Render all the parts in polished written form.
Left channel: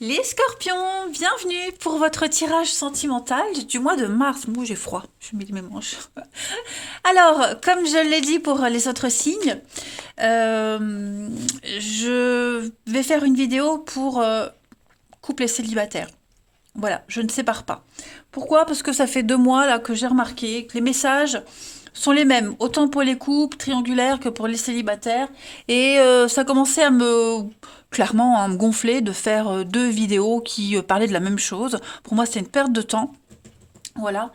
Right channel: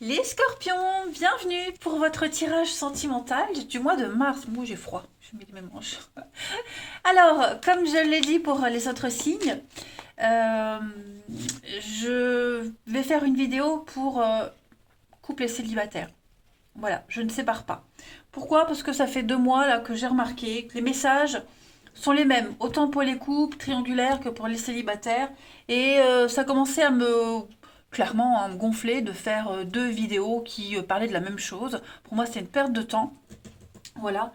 Les scorpions, bienvenue pour votre tirage sentimental du mois de mars. Moi, j'ai froid, je mets mes manches. Alors, comme je l'ai dit pour les autres signes, euh, je vais faire une vidéo pour couple et célibataire. Voilà, je ne sépare pas. Pourquoi? Parce que ça fait 2 mois là que j'ai remarqué que les messages sont les mêmes, autant pour les couples triangulaires que pour les célibataires. Et ça commençait à me clairement à me gonfler de faire 2 vidéos qui parlaient de la même chose. Pour moi, c'est une perte de temps. Voilà.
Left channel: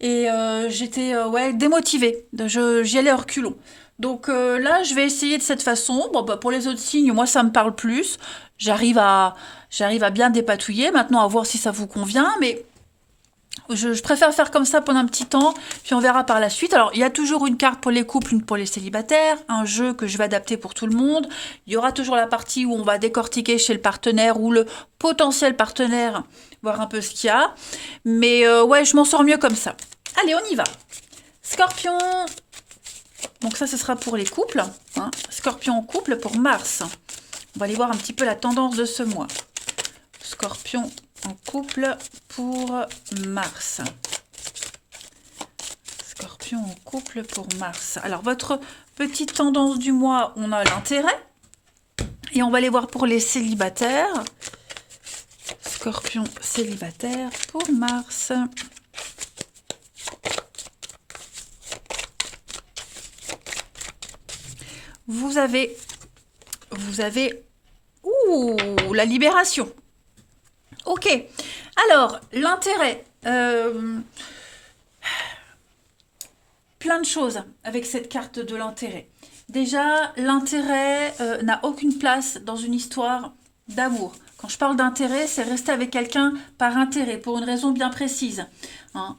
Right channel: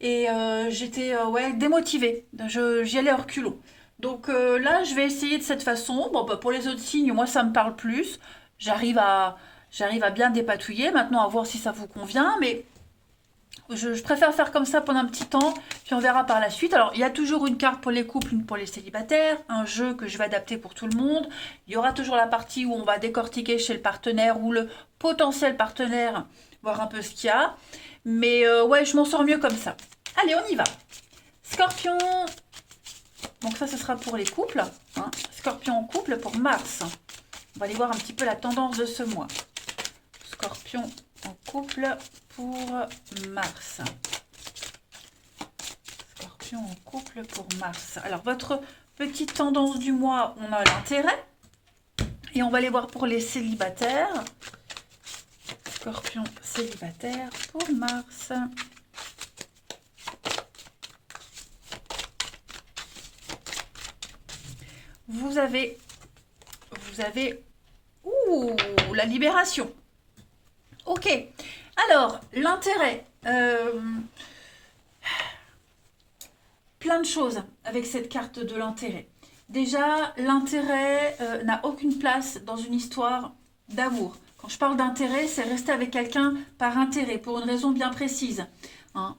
Et j'étais ouais, démotivée. J'y allais à reculons. Donc là, je vais essayer de cette façon. Bon, bah, pour les autres signes, moi, ça me parle plus. J'arrive à, j'arrive à bien dépatouiller. Maintenant, à voir si ça vous convient. Mais je préfère faire comme ça pendant un petit temps, puis on verra par la suite. Alors, il y a toujours une carte pour les couples, une pour les célibataires, un jeu que je vais adapter pour tout le monde. Il y aura toujours la partie où on va décortiquer chez le partenaire ou le potentiel partenaire, voir un peu ce qu'il y a. Mais ouais, je m'en sors mieux comme ça. Allez, on y va. Scorpion. Donc ça, ce sera pour les couples. Hein. Scorpion en couple pour mars. On va aller voir un petit peu la tendance de ce mois. Scorpion en couple pour mars. Scorpion en couple pour mars. Alors, votre petite tendance du mois, on a l'intérêt. Et on va aller voir pour les célibataires. Scorpion célibataire pour mars. Vous avez ouh, la libération. Ok. Alors, l'intérêt. Plein de choses avec cette carte de l'intérêt. Déjà, l'intérêt n'a aucune place dans une histoire d'amour. Quand je parle d'intérêt, c'est rester avec quelqu'un par intérêt, pour une raison bien précise. Hein,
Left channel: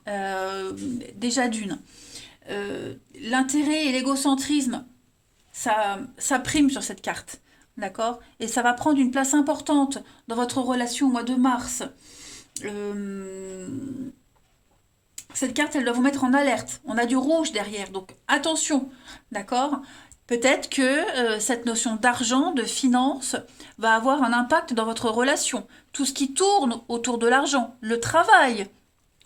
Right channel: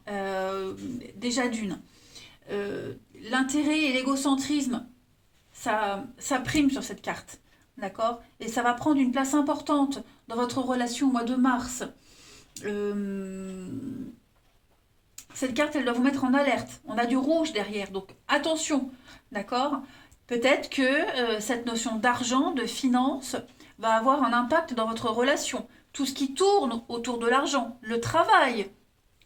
déjà d'une. L'intérêt et l'égocentrisme, ça prime sur cette carte. D'accord? Et ça va prendre une place importante dans votre relation au mois de mars. Euh, cette carte, elle doit vous mettre en alerte. On a du rouge derrière, donc attention, d'accord? Peut-être que cette notion d'argent, de finance, va avoir un impact dans votre relation. Tout ce qui tourne autour de l'argent, le travail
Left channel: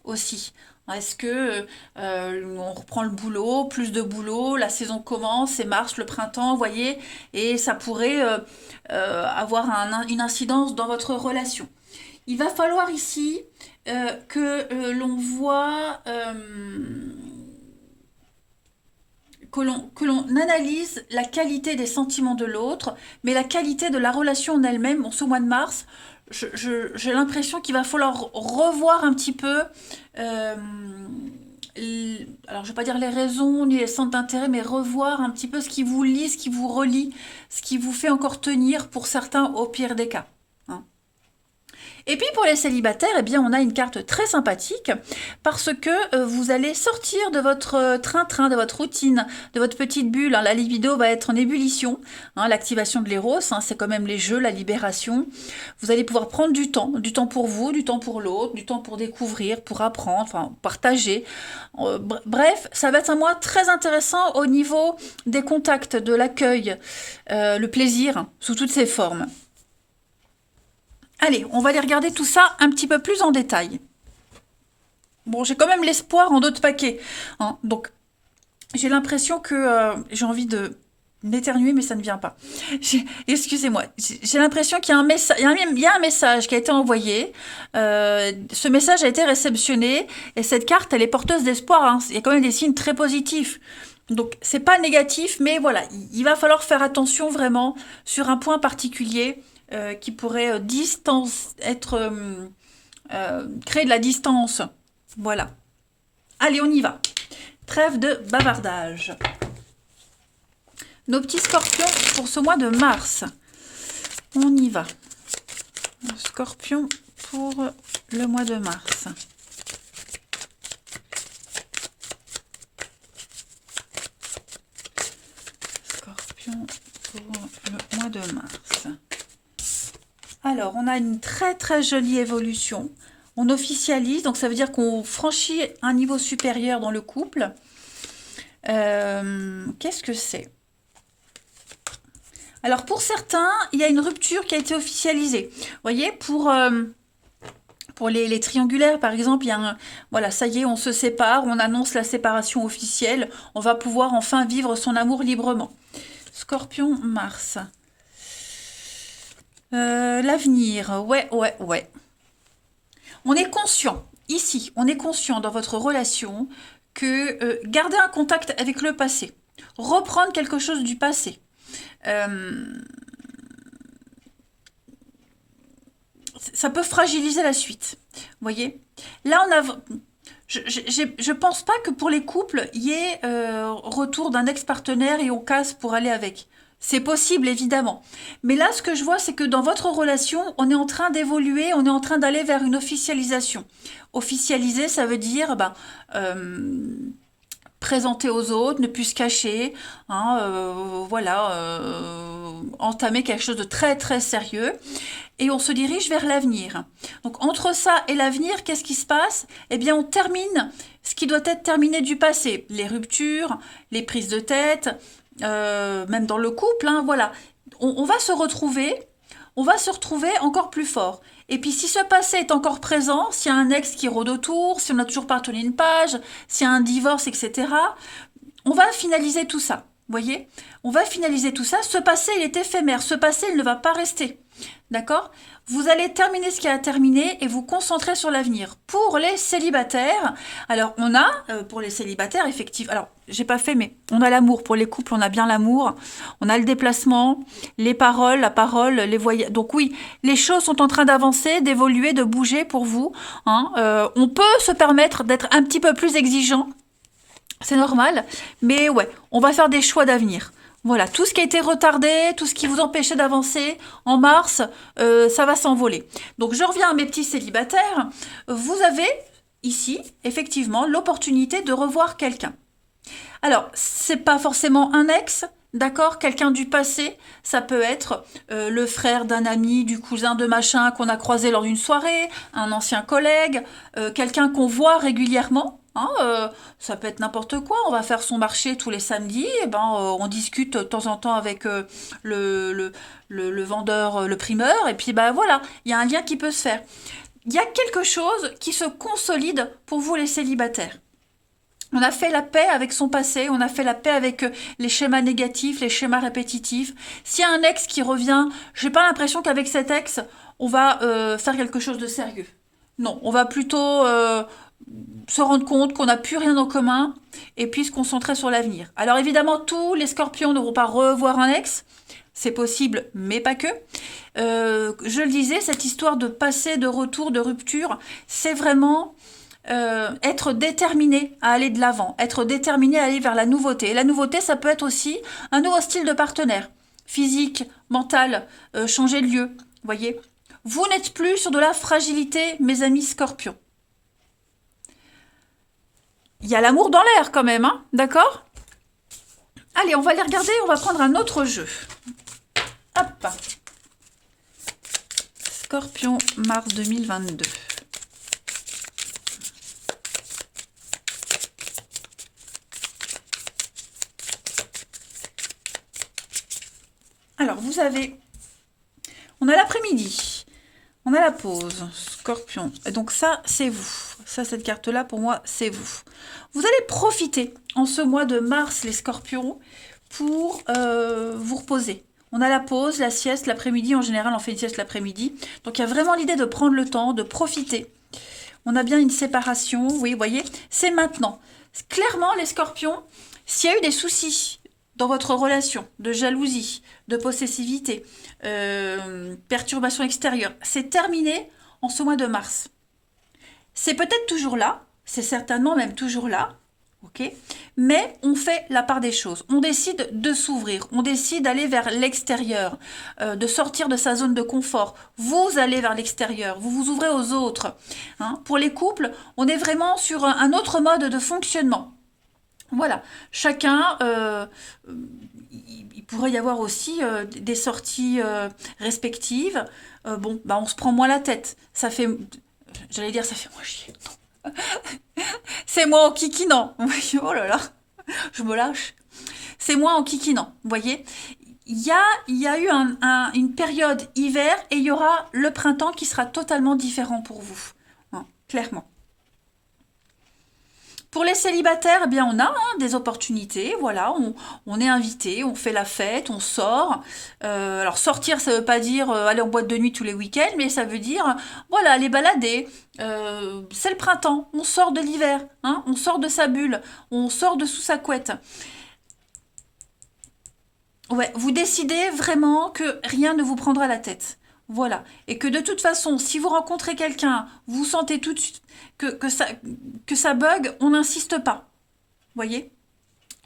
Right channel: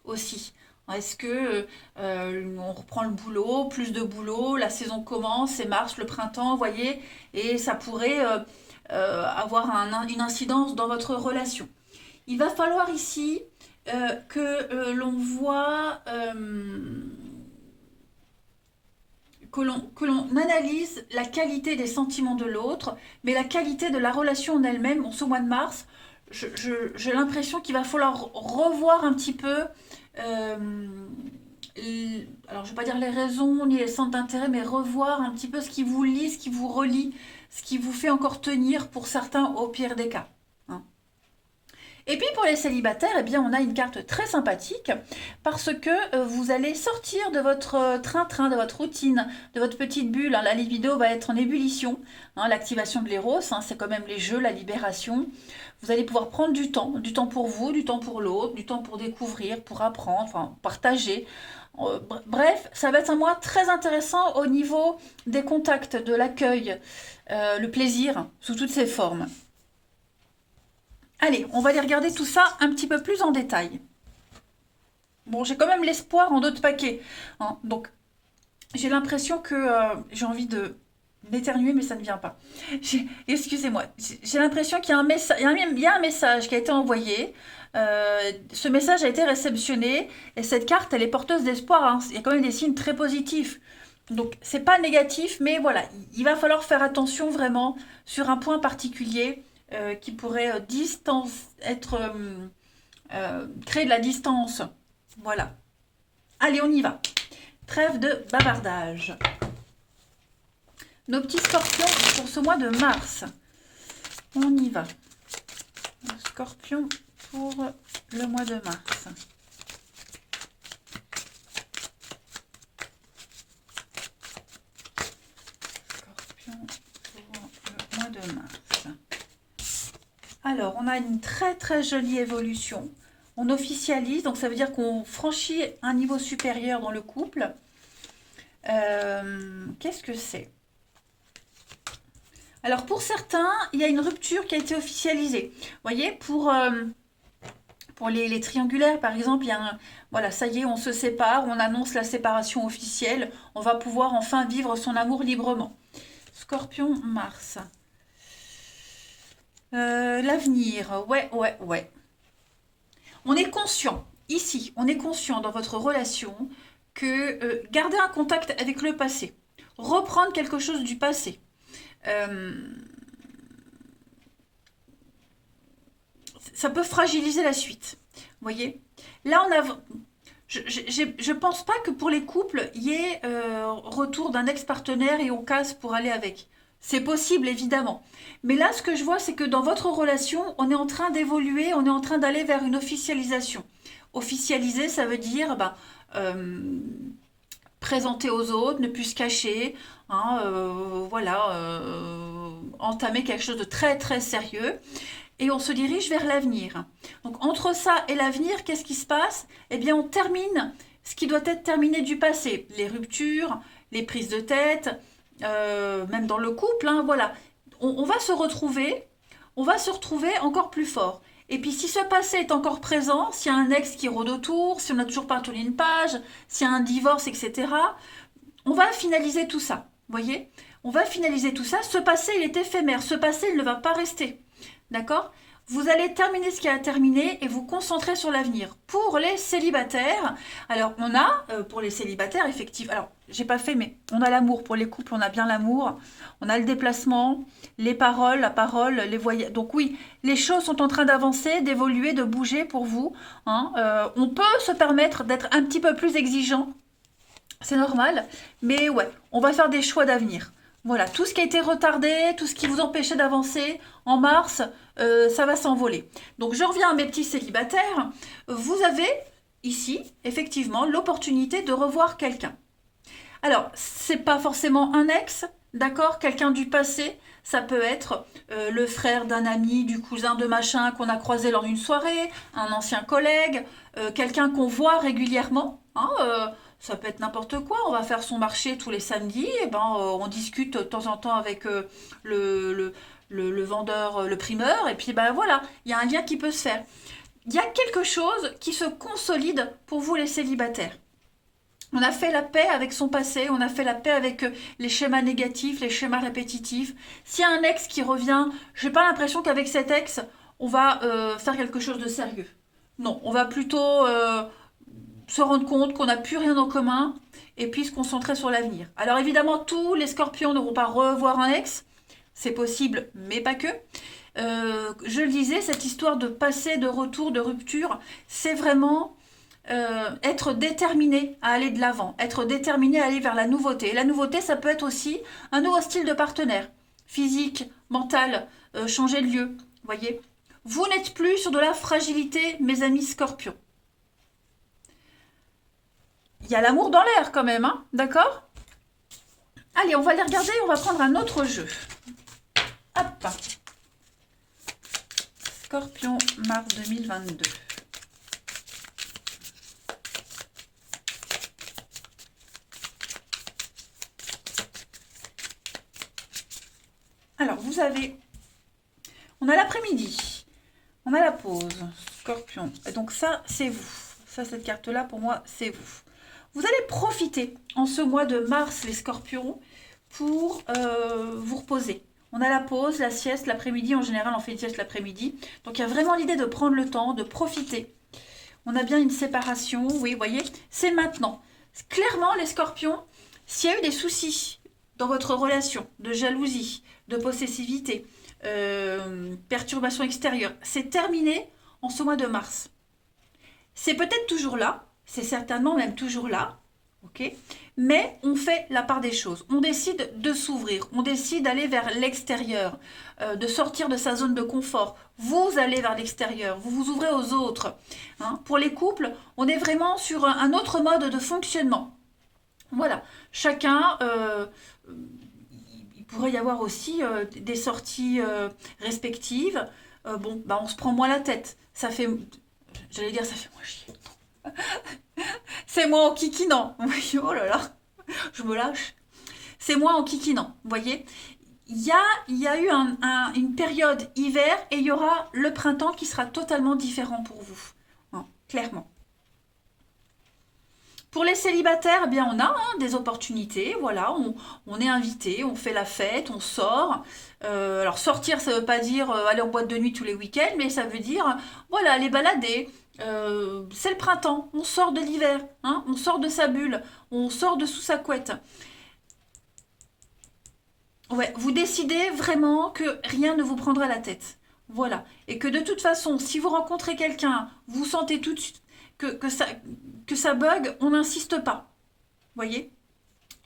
aussi. Est-ce que on reprend le boulot, plus de boulot, la saison commence, c'est mars, le printemps, vous voyez, et ça pourrait avoir une incidence dans votre relation. Il va falloir ici que l'on voit, que l'on analyse la qualité des sentiments de l'autre, mais la qualité de la relation en elle-même. En ce mois de mars, j'ai l'impression qu'il va falloir revoir un petit peu, euh, alors je ne vais pas dire les raisons ni les centres d'intérêt, mais revoir un petit peu ce qui vous lie, ce qui vous relie, ce qui vous fait encore tenir pour certains au pire des cas. Hein. Et puis pour les célibataires, eh bien, on a une carte très sympathique parce que vous allez sortir de votre train-train, de votre routine, de votre petite bulle. Hein. La libido va être en ébullition. Hein, l'activation de l'éros, hein, c'est quand même les jeux, la libération. Vous allez pouvoir prendre du temps pour vous, du temps pour l'autre, du temps pour découvrir, pour apprendre, enfin partager. Bref, ça va être un mois très intéressant au niveau des contacts, de l'accueil, le plaisir sous toutes ses formes. Allez, on va aller regarder tout ça un petit peu plus en détail. Bon, j'ai quand même l'espoir en d'autres paquets. Hein, donc, j'ai l'impression que j'ai envie de d'éternuer, mais ça ne vient pas. Excusez-moi. J'ai l'impression qu'il y a un message, il y a un message qui a été envoyé. Ce message a été réceptionné et cette carte, elle est porteuse d'espoir. Hein. Il y a quand même des signes très positifs. Donc, c'est pas négatif, mais voilà, il va falloir faire attention vraiment sur un point particulier qui pourrait créer de la distance. Voilà. Allez, on y va. Trêve de bavardage. Nos petits scorpions pour ce mois de mars. On y va. Le scorpion pour le mois de mars. Scorpion pour le mois de mars. Alors, on a une très très jolie évolution. On officialise, donc ça veut dire qu'on franchit un niveau supérieur dans le couple. Qu'est-ce que c'est? Alors pour certains, il y a une rupture qui a été officialisée. Vous voyez, pour les triangulaires, par exemple, il y a voilà, ça y est, on se sépare, on annonce la séparation officielle, on va pouvoir enfin vivre son amour librement. Scorpion, Mars. L'avenir, ouais, ouais, ouais. On est conscient, ici, on est conscient dans votre relation que garder un contact avec le passé, reprendre quelque chose du passé, euh, ça peut fragiliser la suite. Vous voyez? Là, je pense pas que pour les couples, il y ait retour d'un ex-partenaire et on casse pour aller avec. C'est possible, évidemment. Mais là, ce que je vois, c'est que dans votre relation, on est en train d'évoluer, on est en train d'aller vers une officialisation. Officialiser, ça veut dire présenter aux autres, ne plus se cacher, hein, voilà, entamer quelque chose de très très sérieux. Et on se dirige vers l'avenir. Donc entre ça et l'avenir, qu'est-ce qui se passe? Eh bien, on termine ce qui doit être terminé du passé. Les ruptures, les prises de tête, même dans le couple, hein, voilà. On va se retrouver, on va se retrouver encore plus fort. Et puis si ce passé est encore présent, s'il y a un ex qui rôde autour, si on n'a toujours pas tourné une page, s'il y a un divorce, etc., on va finaliser tout ça. Voyez? On va finaliser tout ça. Ce passé, il est éphémère. Ce passé, il ne va pas rester. D'accord? Vous allez terminer ce qui a terminé et vous concentrer sur l'avenir. Pour les célibataires, alors on a, pour les célibataires, effectivement, alors j'ai pas fait, mais on a l'amour. Pour les couples, on a bien l'amour. On a le déplacement, les paroles, la parole, les voyages. Donc oui, les choses sont en train d'avancer, d'évoluer, de bouger pour vous, hein. On peut se permettre d'être un petit peu plus exigeant. C'est normal, mais ouais, on va faire des choix d'avenir. Voilà, tout ce qui a été retardé, tout ce qui vous empêchait d'avancer en mars, ça va s'envoler. Donc je reviens à mes petits célibataires. Vous avez ici, effectivement, l'opportunité de revoir quelqu'un. Alors, c'est pas forcément un ex, d'accord? Quelqu'un du passé, ça peut être le frère d'un ami, du cousin de machin qu'on a croisé lors d'une soirée, un ancien collègue, quelqu'un qu'on voit régulièrement, hein, ça peut être n'importe quoi. On va faire son marché tous les samedis, et ben, on discute de temps en temps avec le, le, le vendeur, le primeur, et puis ben voilà, il y a un lien qui peut se faire. Il y a quelque chose qui se consolide pour vous les célibataires. On a fait la paix avec son passé, on a fait la paix avec les schémas négatifs, les schémas répétitifs. S'il y a un ex qui revient, j'ai pas l'impression qu'avec cet ex, on va faire quelque chose de sérieux. Non, on va plutôt se rendre compte qu'on n'a plus rien en commun et puis se concentrer sur l'avenir. Alors évidemment, tous les scorpions ne vont pas revoir un ex, c'est possible, mais pas que. Je le disais, cette histoire de passé, de retour, de rupture, c'est vraiment être déterminé à aller de l'avant, être déterminé à aller vers la nouveauté. Et la nouveauté, ça peut être aussi un nouveau style de partenaire, physique, mental, changer de lieu. Voyez, vous n'êtes plus sur de la fragilité, mes amis scorpions. Il y a l'amour dans l'air quand même, hein, d'accord? Allez, on va les regarder, on va prendre un autre jeu. Hop. Scorpion, mars 2022. Alors, vous avez... On a l'après-midi. On a la pause. Scorpion. Et donc ça, c'est vous. Ça, cette carte-là, pour moi, c'est vous. Vous allez profiter en ce mois de mars, les scorpions, pour vous reposer. On a la pause, la sieste, l'après-midi. En général, on fait une sieste l'après-midi. Donc, il y a vraiment l'idée de prendre le temps, de profiter. On a bien une séparation. Oui, vous voyez, c'est maintenant. Clairement, les scorpions, s'il y a eu des soucis dans votre relation, de jalousie, de possessivité, perturbation extérieure, c'est terminé en ce mois de mars. C'est peut-être toujours là, c'est certainement même toujours là, ok? Mais on fait la part des choses. On décide de s'ouvrir, on décide d'aller vers l'extérieur, de sortir de sa zone de confort. Vous allez vers l'extérieur, vous vous ouvrez aux autres, hein. Pour les couples, on est vraiment sur un autre mode de fonctionnement. Voilà, chacun, il pourrait y avoir aussi des sorties respectives. Bon, bah on se prend moins la tête. Ça fait, j'allais dire, ça fait moins chier. C'est moins en kikinant. Oh là là, je me lâche. C'est moins en kikinant, vous voyez. il y a eu une période hiver et il y aura le printemps qui sera totalement différent pour vous. Hein, clairement. Pour les célibataires, eh bien on a des opportunités, voilà, on est invité, on fait la fête, on sort. Alors sortir, ça veut pas dire aller en boîte de nuit tous les week-ends, mais ça veut dire, voilà, aller balader. C'est le printemps, on sort de l'hiver, hein, on sort de sa bulle, on sort de sous sa couette. Ouais, vous décidez vraiment que rien ne vous prendra la tête. Voilà. Et que de toute façon, si vous rencontrez quelqu'un, vous sentez tout de suite que ça bug, on n'insiste pas. Voyez?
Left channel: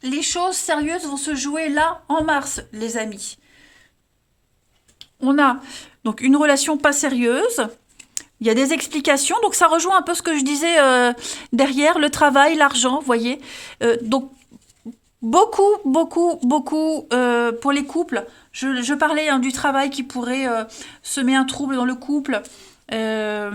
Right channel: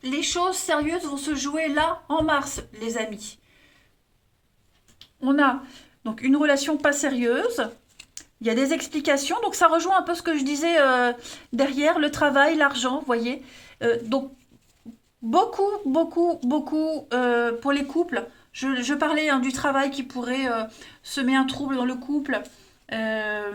Les choses sérieuses vont se jouer là, en mars, les amis. On a donc une relation pas sérieuse. Il y a des explications, donc ça rejoint un peu ce que je disais derrière, le travail, l'argent, voyez. Donc beaucoup, beaucoup, beaucoup pour les couples. Je parlais du travail qui pourrait semer un trouble dans le couple. Euh,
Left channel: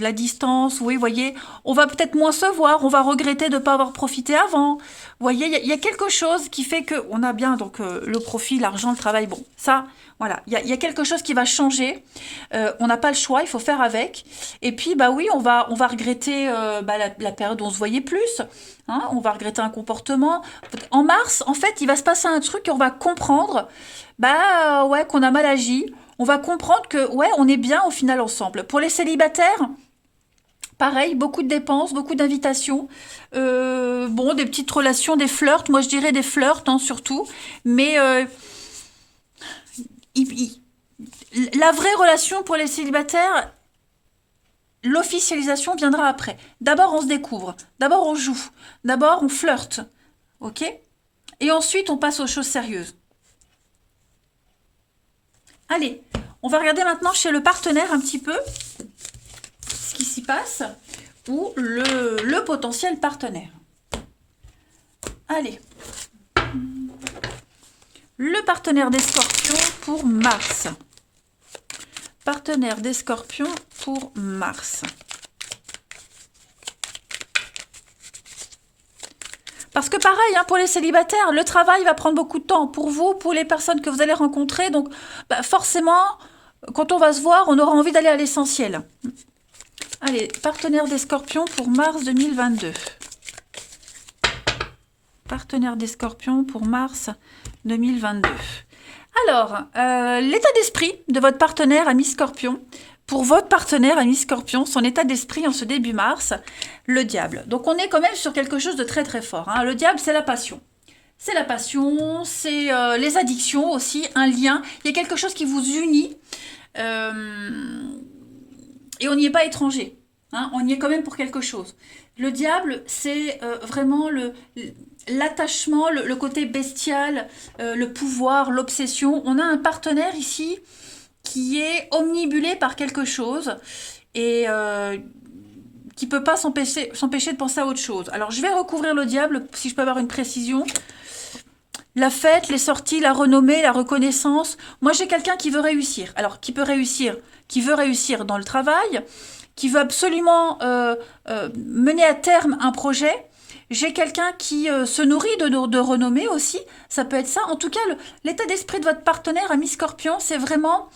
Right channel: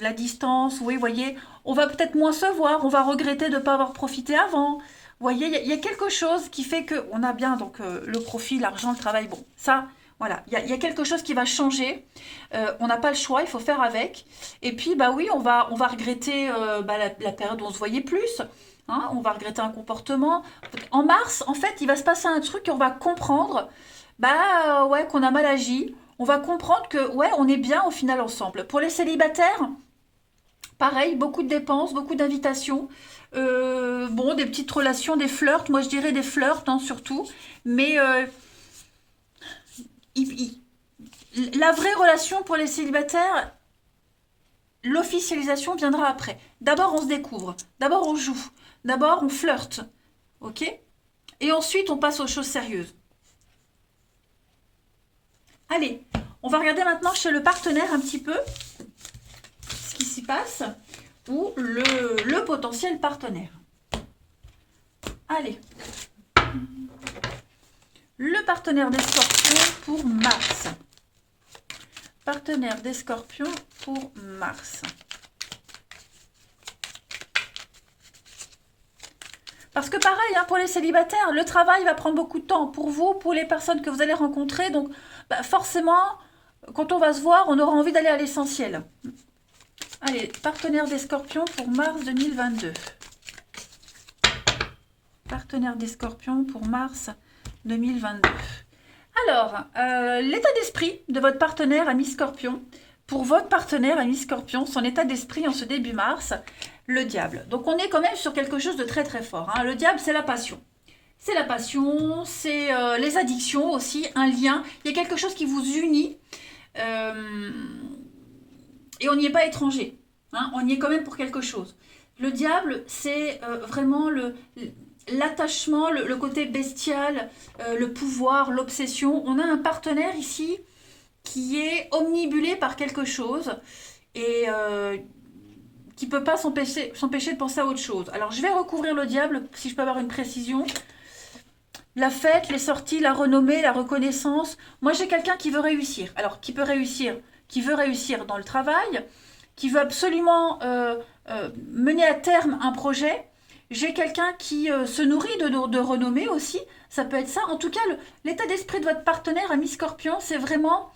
la distance, oui, voyez, on va peut-être moins se voir, on va regretter de ne pas avoir profité avant. Vous voyez, il y a quelque chose qui fait que on a bien donc le profit, l'argent, le travail. Bon, ça, voilà, il y a quelque chose qui va changer. On n'a pas le choix, il faut faire avec. Et puis, bah oui, on va regretter la période où on se voyait plus. Hein, on va regretter un comportement. En mars, en fait, il va se passer un truc et on va comprendre bah ouais, qu'on a mal agi. On va comprendre que ouais, on est bien au final ensemble. Pour les célibataires, pareil, beaucoup de dépenses, beaucoup d'invitations. Bon, des petites relations, des flirts. Moi, je dirais des flirts, hein, surtout. Mais il- la vraie relation pour les célibataires, l'officialisation viendra après. D'abord, on se découvre. D'abord, on joue. D'abord, on flirte. OK? Et ensuite, on passe aux choses sérieuses. Allez, on va regarder maintenant chez le partenaire un petit peu ce qui s'y passe ou le potentiel partenaire. Allez, le partenaire des scorpions pour mars. Partenaire des scorpions pour mars. Parce que pareil, hein, pour les célibataires, le travail va prendre beaucoup de temps pour vous, pour les personnes que vous allez rencontrer. Donc bah, forcément, quand on va se voir, on aura envie d'aller à l'essentiel. Allez, partenaire des scorpions pour mars 2022. Partenaire des scorpions pour mars 2022. Alors, l'état d'esprit de votre partenaire ami scorpion. Pour votre partenaire ami scorpion, son état d'esprit en ce début mars, le diable. Donc on est quand même sur quelque chose de très très fort. Hein. Le diable, c'est la passion. C'est la passion, c'est les addictions aussi, un lien. Il y a quelque chose qui vous unit. Et on n'y est pas étranger. Hein. On y est quand même pour quelque chose. Le diable, c'est vraiment l'attachement, le côté bestial, le pouvoir, l'obsession. On a un partenaire ici qui est omnibulé par quelque chose et qui ne peut pas s'empêcher de penser à autre chose. Alors, je vais recouvrir le diable, si je peux avoir une précision. La fête, les sorties, la renommée, la reconnaissance. Moi, j'ai quelqu'un qui veut réussir. Alors, qui veut réussir dans le travail, qui veut absolument mener à terme un projet. J'ai quelqu'un qui se nourrit de renommée aussi. Ça peut être ça. En tout cas, l'état d'esprit de votre partenaire, ami Scorpion, c'est vraiment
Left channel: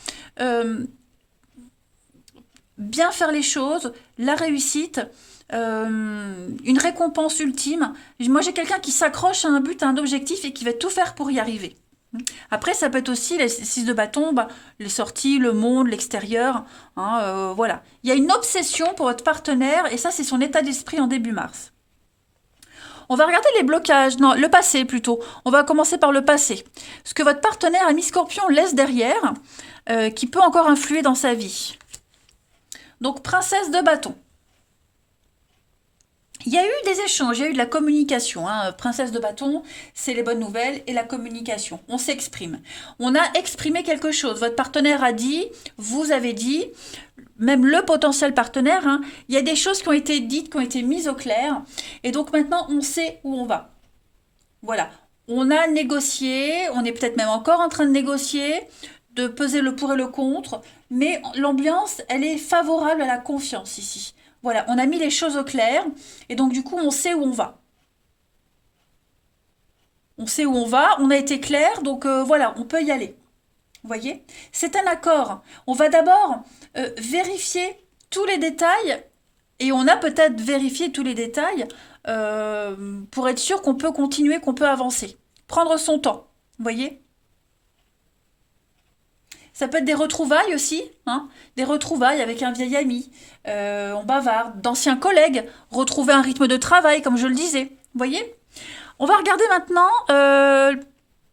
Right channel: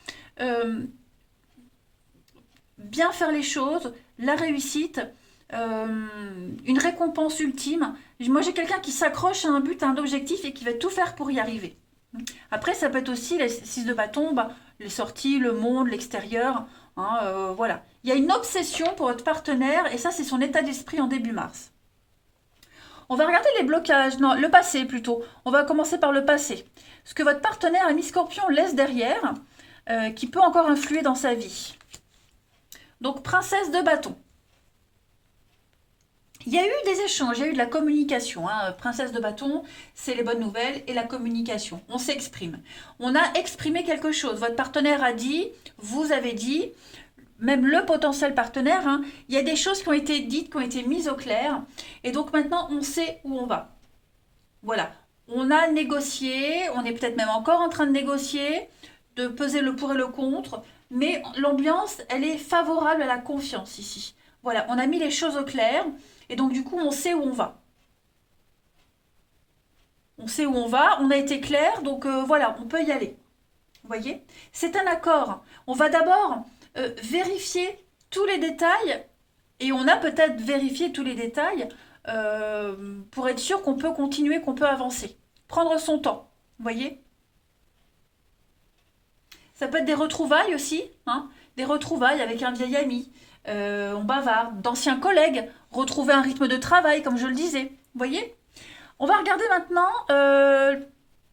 bien faire les choses, la réussite, une récompense ultime. Moi, j'ai quelqu'un qui s'accroche à un but, à un objectif et qui va tout faire pour y arriver. Après, ça peut être aussi les 6 de bâton, les sorties, le monde, l'extérieur. Hein, voilà. Il y a une obsession pour votre partenaire et ça, c'est son état d'esprit en début mars. On va regarder les blocages, non, le passé plutôt. On va commencer par le passé. Ce que votre partenaire ami Scorpion laisse derrière, qui peut encore influer dans sa vie. Donc, princesse de bâton. Il y a eu des échanges, il y a eu de la communication. Hein. Princesse de bâton, c'est les bonnes nouvelles et la communication. On s'exprime. On a exprimé quelque chose. Votre partenaire a dit, vous avez dit, même le potentiel partenaire, hein, il y a des choses qui ont été dites, qui ont été mises au clair. Et donc maintenant, on sait où on va. Voilà. On a négocié, on est peut-être même encore en train de négocier, de peser le pour et le contre, mais l'ambiance, elle est favorable à la confiance ici. Voilà, on a mis les choses au clair, et donc du coup, on sait où on va. on sait où on va, on a été clair, donc voilà, on peut y aller. Vous voyez? C'est un accord. On va d'abord vérifier tous les détails, et on a peut-être vérifié tous les détails pour être sûr qu'on peut continuer, qu'on peut avancer. Prendre son temps, vous voyez? Ça peut être des retrouvailles aussi, hein, des retrouvailles avec un vieil ami, on bavarde, d'anciens collègues, retrouver un rythme de travail, comme je le disais. Vous voyez? On va regarder maintenant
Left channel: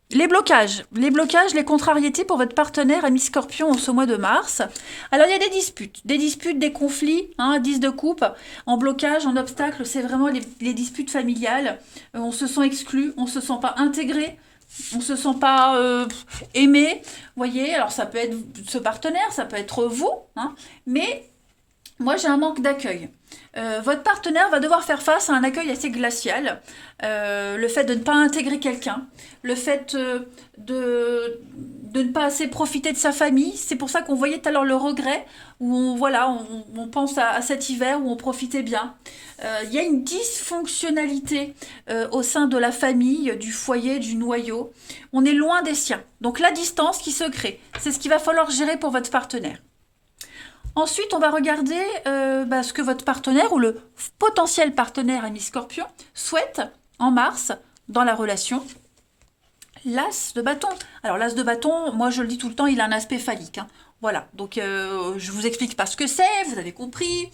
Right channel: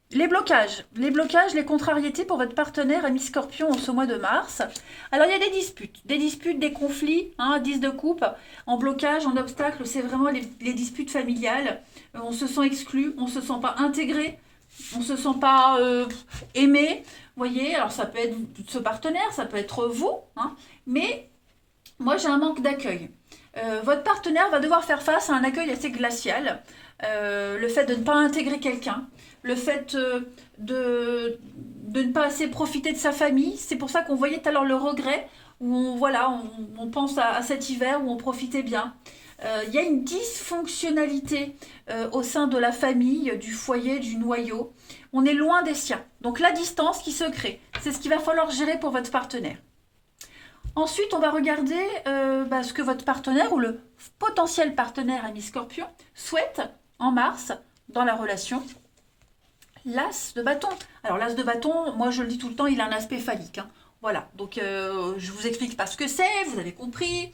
les blocages. Les blocages, les contrariétés pour votre partenaire ami Scorpion en ce mois de mars. Alors, il y a des disputes, des conflits, hein, 10 de coupe, en blocage, en obstacle, c'est vraiment les disputes familiales. On se sent exclu, on se sent pas intégré, on se sent pas aimé. Vous voyez, alors ça peut être ce partenaire, ça peut être vous, hein, mais moi j'ai un manque d'accueil. Votre partenaire va devoir faire face à un accueil assez glacial. Le fait de ne pas intégrer quelqu'un, le fait de ne pas assez profiter de sa famille. C'est pour ça qu'on voyait tout à l'heure le regret, où on pense à cet hiver où on profitait bien. Il y a une dysfonctionnalité au sein de la famille, du foyer, du noyau. On est loin des siens. Donc la distance qui se crée, c'est ce qu'il va falloir gérer pour votre partenaire. Ensuite, on va regarder ce que votre partenaire ou le potentiel partenaire ami Scorpion souhaite en mars dans la relation. L'as de bâton. Alors l'as de bâton, moi je le dis tout le temps, il a un aspect phallique, hein. Voilà, donc je vous explique pas ce que c'est, vous avez compris.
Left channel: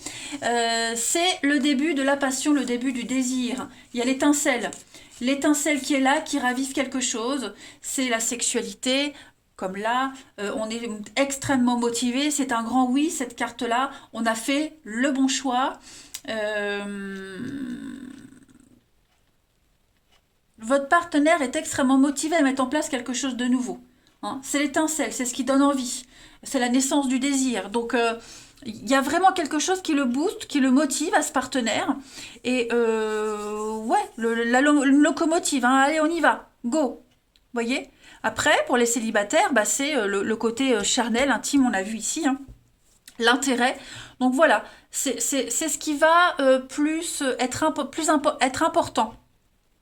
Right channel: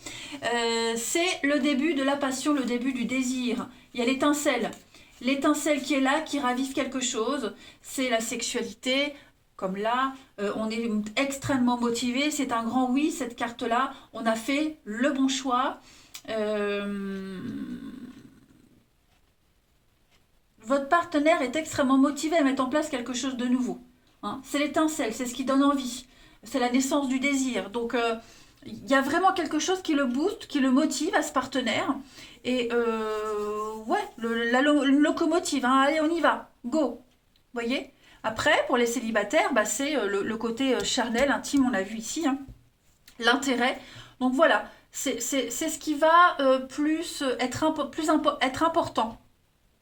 C'est le début de la passion, le début du désir. Il y a l'étincelle. L'étincelle qui est là, qui ravive quelque chose, c'est la sexualité. Comme là, on est extrêmement motivé, c'est un grand oui, cette carte-là, on a fait le bon choix. Votre partenaire est extrêmement motivé à mettre en place quelque chose de nouveau, hein. C'est l'étincelle, c'est ce qui donne envie, c'est la naissance du désir. Donc, il y a vraiment quelque chose qui le booste, qui le motive à ce partenaire. Et ouais, une locomotive, hein. Allez, on y va, go, voyez. Après, pour les célibataires, c'est le côté charnel, intime, on a vu ici, hein, l'intérêt. Donc voilà, c'est ce qui va être important.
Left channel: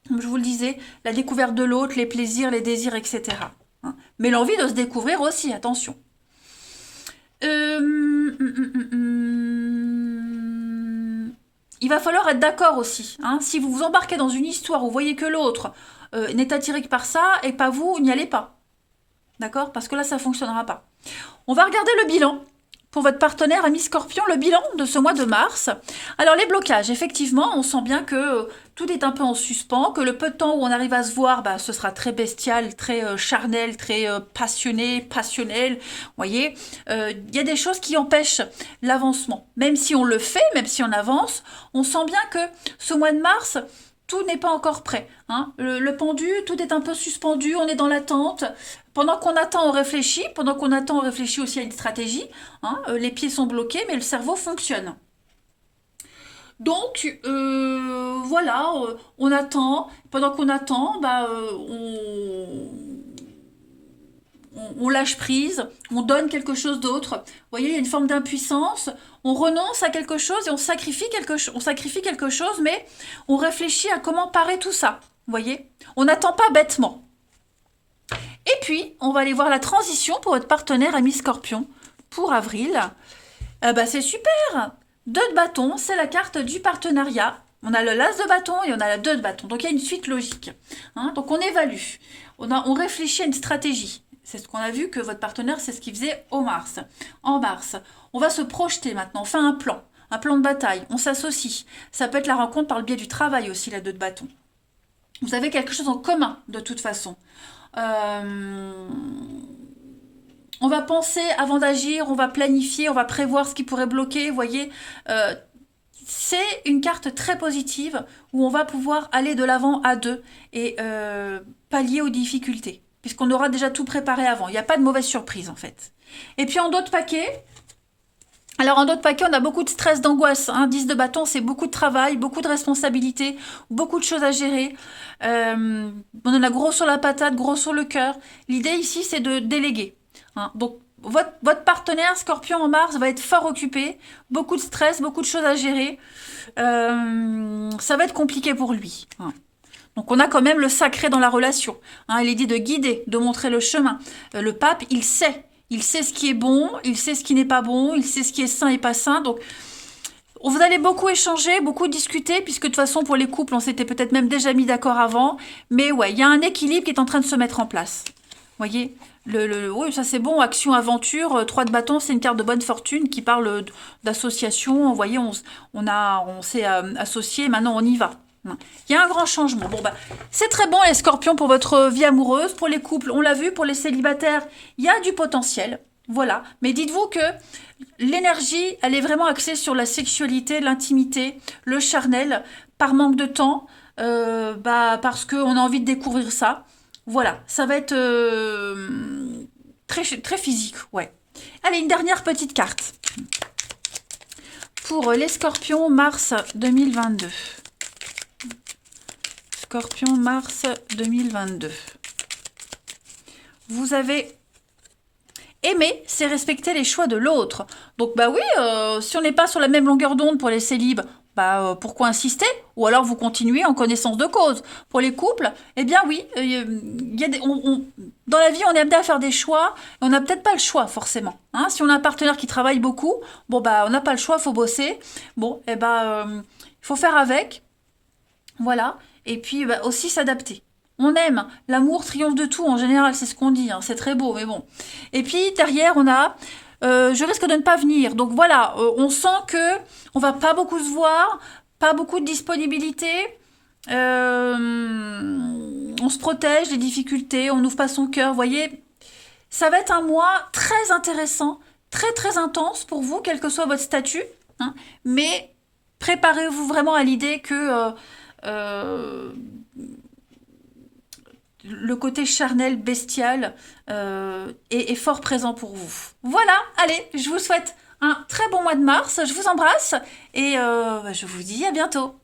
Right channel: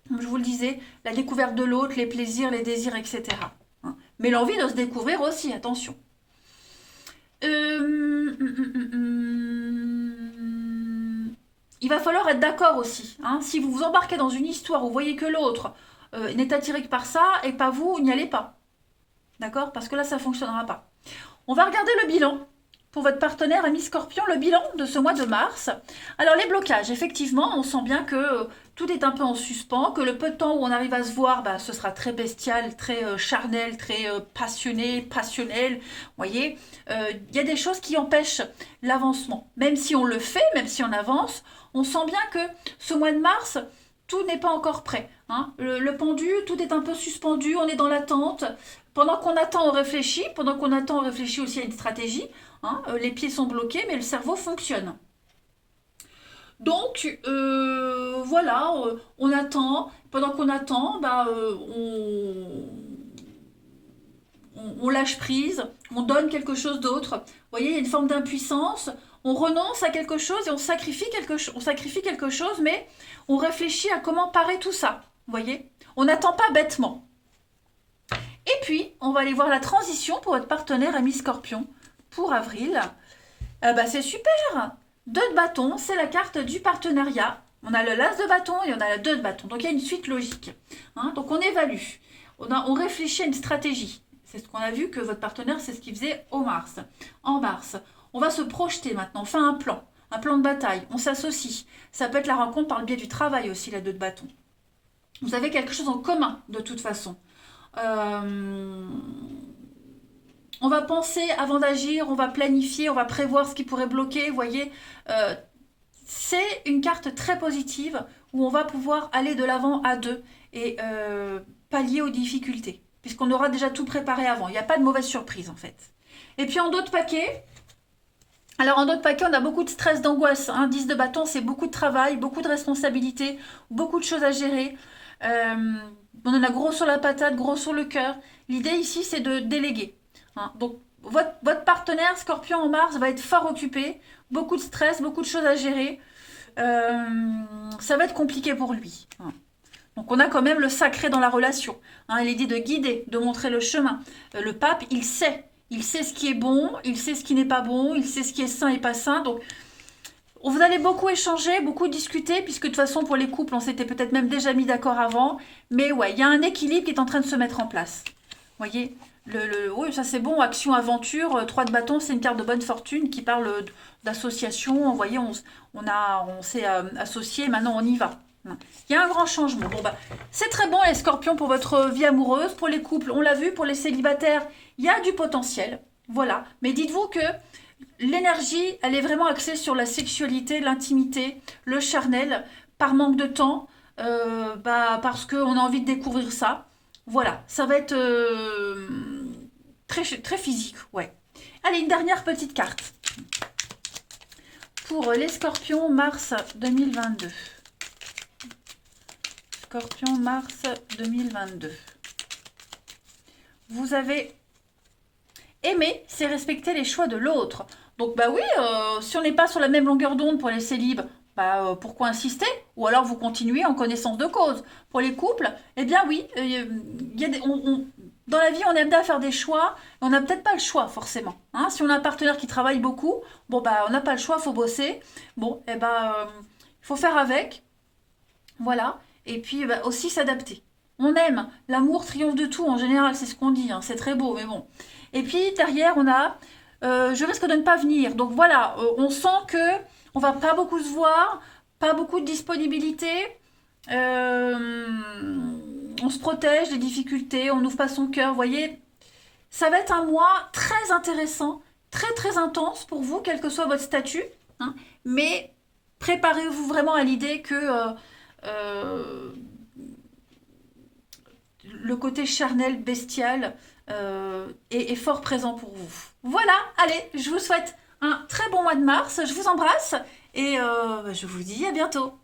Comme je vous le disais, la découverte de l'autre, les plaisirs, les désirs, etc. Hein. Mais l'envie de se découvrir aussi, attention. Il va falloir être d'accord aussi, hein. Si vous vous embarquez dans une histoire où vous voyez que l'autre n'est attiré que par ça et pas vous, n'y allez pas. D'accord? Parce que là, ça ne fonctionnera pas. On va regarder le bilan pour votre partenaire ami Scorpion, le bilan de ce mois de mars. Alors les blocages, effectivement, on sent bien que tout est un peu en suspens, que le peu de temps où on arrive à se voir, ce sera très bestial, très charnel, très passionné, passionnel. Vous voyez, il y a des choses qui empêchent l'avancement. Même si on le fait, même si on avance, on sent bien que ce mois de mars, tout n'est pas encore prêt, hein. Le pendu, tout est un peu suspendu, on est dans l'attente. Pendant qu'on attend, on réfléchit. Pendant qu'on attend, on réfléchit aussi à une stratégie, hein. Les pieds sont bloqués, mais le cerveau fonctionne. Donc, voilà, on attend. Pendant qu'on attend, on lâche prise, on donne quelque chose d'autre. Vous voyez, il y a une forme d'impuissance. On renonce à quelque chose et on sacrifie quelque chose, mais on réfléchit à comment parer tout ça. Vous voyez, on n'attend pas bêtement. Et puis, on va aller voir la transition pour votre partenaire ami Scorpion pour avril. C'est super. 2 de bâton, c'est la carte du partenariat. On a le l'as de bâton et on a la 2 de bâton. Donc, il y a une suite logique, hein. Donc, on évalue. On réfléchit à une stratégie. C'est ce qu'on a vu que votre partenaire, c'est ce qu'il faisait en mars. On va se projeter maintenant. On fait un plan de bataille. On s'associe. Ça peut être la rencontre par le biais du travail aussi, la 2 de bâton. Vous avez quelque chose en commun, de toute façon. On va penser avant d'agir, on va planifier, on va prévoir ce qui pourrait bloquer, vous voyez. C'est une carte très positive où on va pouvoir aller de l'avant à 2 et pallier aux difficultés, puisqu'on aura déjà tout préparé avant. Il n'y a pas de mauvaise surprise en fait. Et puis en d'autres paquets, alors en d'autres paquets, on a beaucoup de stress, d'angoisse, hein. 10 de bâton, c'est beaucoup de travail, beaucoup de responsabilités, beaucoup de choses à gérer. On en a gros sur la patate, gros sur le cœur. L'idée ici, c'est de déléguer, hein. Donc, votre partenaire Scorpion en mars va être fort occupé, beaucoup de stress, beaucoup de choses à gérer. Ça va être compliqué pour lui, hein. Donc on a quand même le sacré dans la relation. Hein, il est dit de guider, de montrer le chemin. Le pape, il sait. Il sait ce qui est bon, il sait ce qui n'est pas bon, il sait ce qui est sain et pas sain. Donc vous allez beaucoup échanger, beaucoup discuter, puisque de toute façon pour les couples, on s'était peut-être même déjà mis d'accord avant. Mais ouais, il y a un équilibre qui est en train de se mettre en place. Vous voyez, oui, ça c'est bon, action, aventure, 3 de bâton, c'est une carte de bonne fortune qui parle d'association. Vous voyez, on s'est associé, maintenant on y va. Il y a un grand changement. Bon, bah, c'est très bon les scorpions pour votre vie amoureuse, pour les couples, on l'a vu, pour les célibataires, il y a du potentiel. Voilà, mais dites-vous que l'énergie, elle est vraiment axée sur la sexualité, l'intimité, le charnel, par manque de temps, parce qu'on a envie de découvrir ça. Voilà, ça va être très, très physique, ouais. Allez, une dernière petite carte. Pour les scorpions, mars 2022. Scorpion, mars 2022. Vous avez aimer, c'est respecter les choix de l'autre. Donc bah oui, si on n'est pas sur la même longueur d'onde pour les célibes, pourquoi insister? Ou alors vous continuez en connaissance de cause. Pour les couples, eh bien oui, y a dans la vie on est amené à faire des choix, et on n'a peut-être pas le choix forcément. Hein, si on a un partenaire qui travaille beaucoup, bon bah on n'a pas le choix, il faut bosser. Bon, il faut faire avec, voilà. Et puis aussi s'adapter. On aime, l'amour triomphe de tout en général, c'est ce qu'on dit, hein, c'est très beau, mais bon. Et puis derrière, on a je risque de ne pas venir. Donc voilà, on sent que on va pas beaucoup se voir, pas beaucoup de disponibilité. On se protège des difficultés, on n'ouvre pas son cœur. Vous voyez, ça va être un mois très intéressant, très très intense pour vous, quel que soit votre statut. Hein, mais préparez-vous vraiment à l'idée que euh, le côté charnel, bestial est fort présent pour vous. Voilà, allez, je vous souhaite un très bon mois de mars, je vous embrasse et je vous dis à bientôt.